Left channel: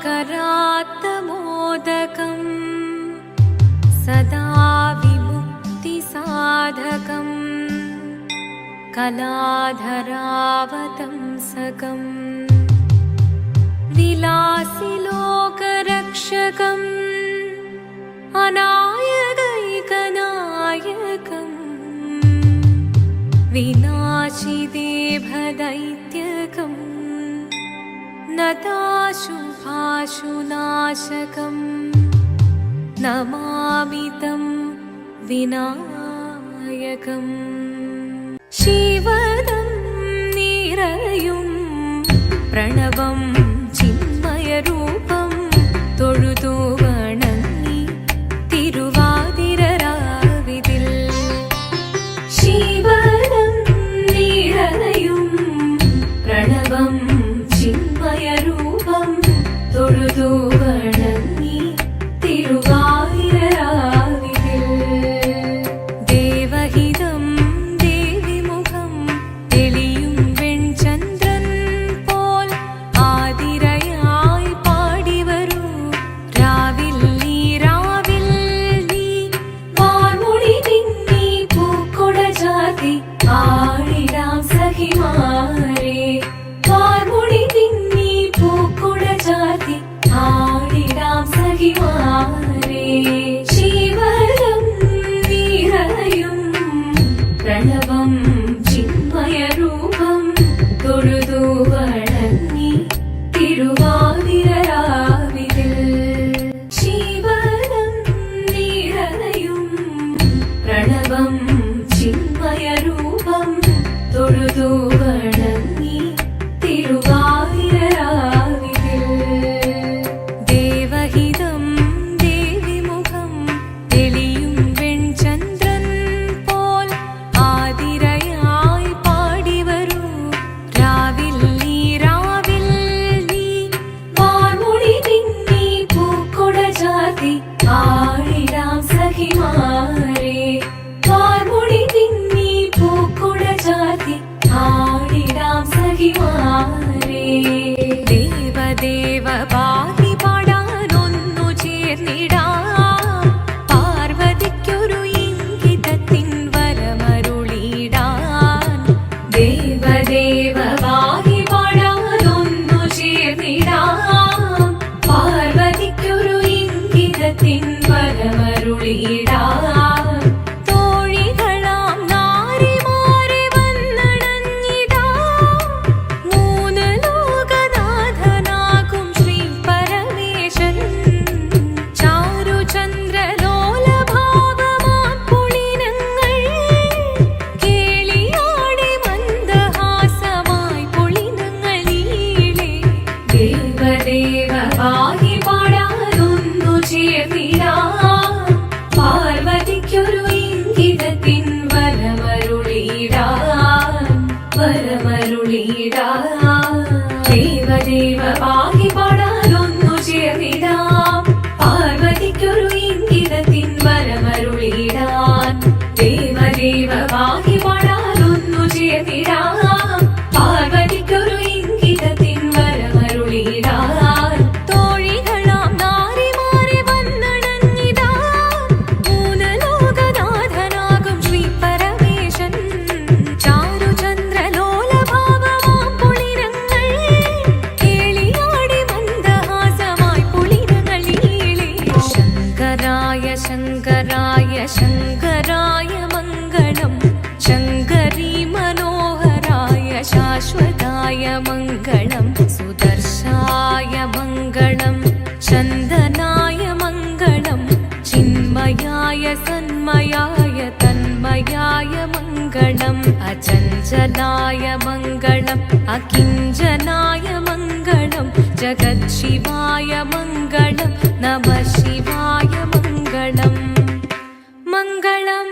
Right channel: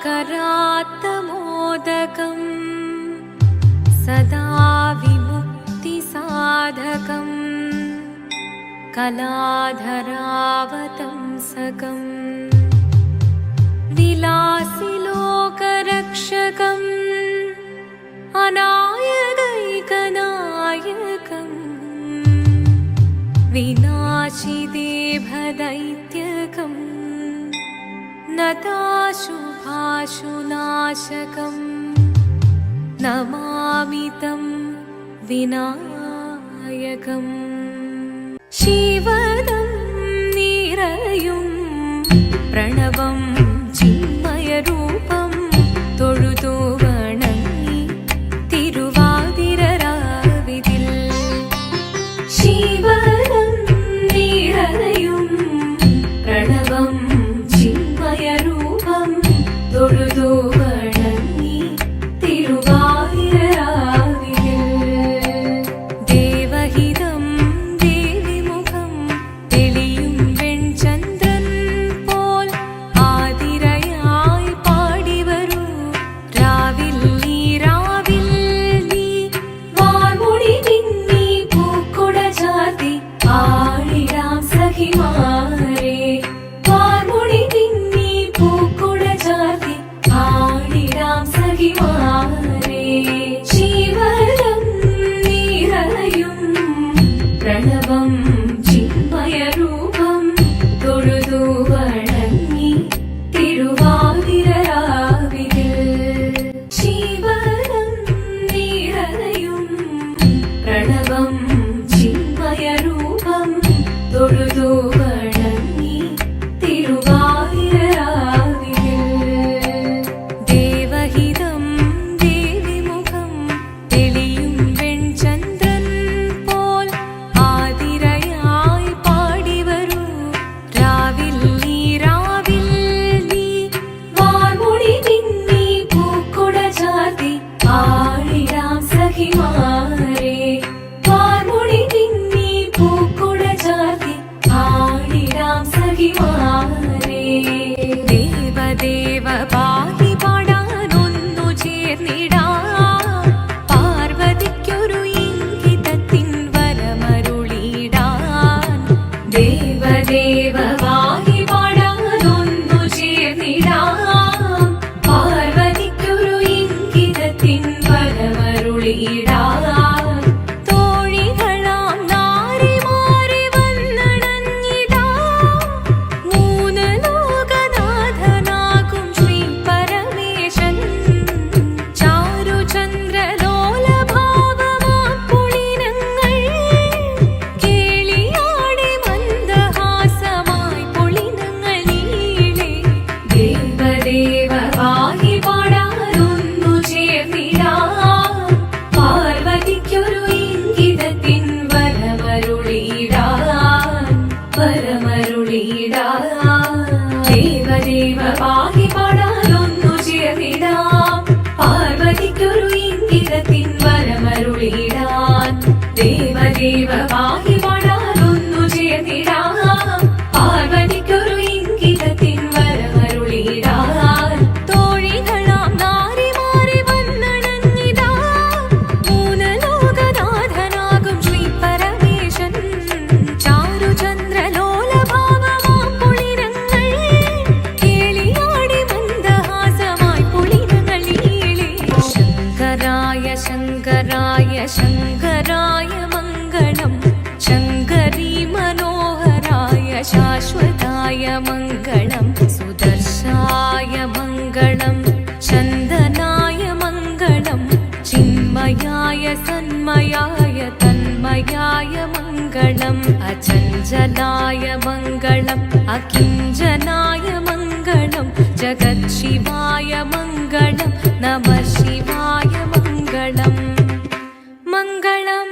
करात्तमोदकं सदा विमुक्तिसाधकं कलाधरावतंसकं विलासिलोकरक्षकम् अनायकैकनायकम् विनाशिदेभदैत्यकम् नताशुभाशुनाशकम् नमामि तं विनायकम् शिवदं निरयुं प्रणवं चिन्मयरूपं തൊഴുതു വണങ്ങി തിരുവാതിരരാവിതിൽ ശിവനം നിറയും പ്രണവം ചിന്മയരൂപം തൊഴുതു വണങ്ങി തിരുവാതിരരാവിതിൽ ദേവഹിതം ദേവിമുഖം തെളിയും വെൺചന്ദ്രൻ പോൽ ആതിരയായി പാടിവരൂ രാവിൽ നീ വാർമുടി നിന്നി പൂക്കൊട ചാർത്തി ആടിടാം സഖിമാരെ വാർമുടി നിന്നി പൂക്കൊട ചാർത്തി ആടിടാം സഖിമാരെ ശിവനം നിറയും പ്രണവം ചിന്മയരൂപം തൊഴുതു വണങ്ങി തിരുവാതിരരാവിതിൽ ശിവനം നിറയും പ്രണവം ചിന്മയരൂപം തൊഴുതു വണങ്ങി തിരുവാതിരരാവിതിൽ ദേവഹിതം ദേവിമുഖം തെളിയും വെൺചന്ദ്രൻ പോൽ ആതിരയായി പാടിവരൂ രാവിൽ നീ വാർമുടി നിന്നി പൂക്കൊട ചാർത്തി ആടിടാം സഖിമാരെ വാർമുടി നിന്നി പൂക്കൊട ചാർത്തി ആടിടാം സഖിമാരെ ദേവദേവ പാഹി പാടാനൊന്നു ചേർന്നിടാം പാർവതിക്കൊരു ഇംഗിതത്തിൻ വരമരുളിടാൻ ദേവദേവ പാഹി പാടാനൊന്നു ചേർന്നിടാം പാർവതിക്കൊരു ഇംഗിതത്തിൻ വരമരുളിടാൻ തോഴികളാം നാരിമാരെ വന്നണഞ്ഞിടാം മൂന്ന് ലോകനാഥനാകും ശ്രീ പരമേശൻ ചാരുചന്ദ്രലോലഭാവമാം പുളിനങ്ങൾ കേളിയാടി മന്ദഹാസമായി പുളിനങ്ങൾ നീളെ ദേവദേവ പാഹി പാടാനൊന്നു ചേർന്നിടാം പാർവതിക്കൊരു ഇംഗിതത്തിൻ വരമരുളിടാൻ ദേവദേവ പാഹി പാടാനൊന്നു ചേർന്നിടാം പാർവതിക്കൊരു ഇംഗിതത്തിൻ വരമരുളിടാൻ ദേവദേവ പാഹി പാടാനൊന്നു ചേർന്നിടാം പാർവതിക്കൊരു ഇംഗിതത്തിൻ വരമരുളിടാൻ തോഴികളാം നാരിമാരെ വന്നണഞ്ഞിടാം മൂന്ന് ലോകനാഥനാകും ശ്രീ പരമേശൻ ചാരുചന്ദ്രലോലഭാവമാം പുളിനങ്ങൾ കേളിയാടി മന്ദഹാസമായി പുളിനങ്ങൾ നീളെ ശങ്കരായ ശങ്കരായ ശങ്കരായ മംഗളം ശങ്കരീ മനോഹരായ ശാശ്വതായ മംഗളം സുദർശായ മംഗളം ചന്ദനായ മംഗളം ചിന്മയായ സന്മയായ തന്മയായ മംഗളം അചഞ്ചലായ മംഗളം അകിഞ്ചനായ മംഗളം ജഗത്ശിവായ മംഗളം നമഃ ശിവായ മംഗളം മംഗളം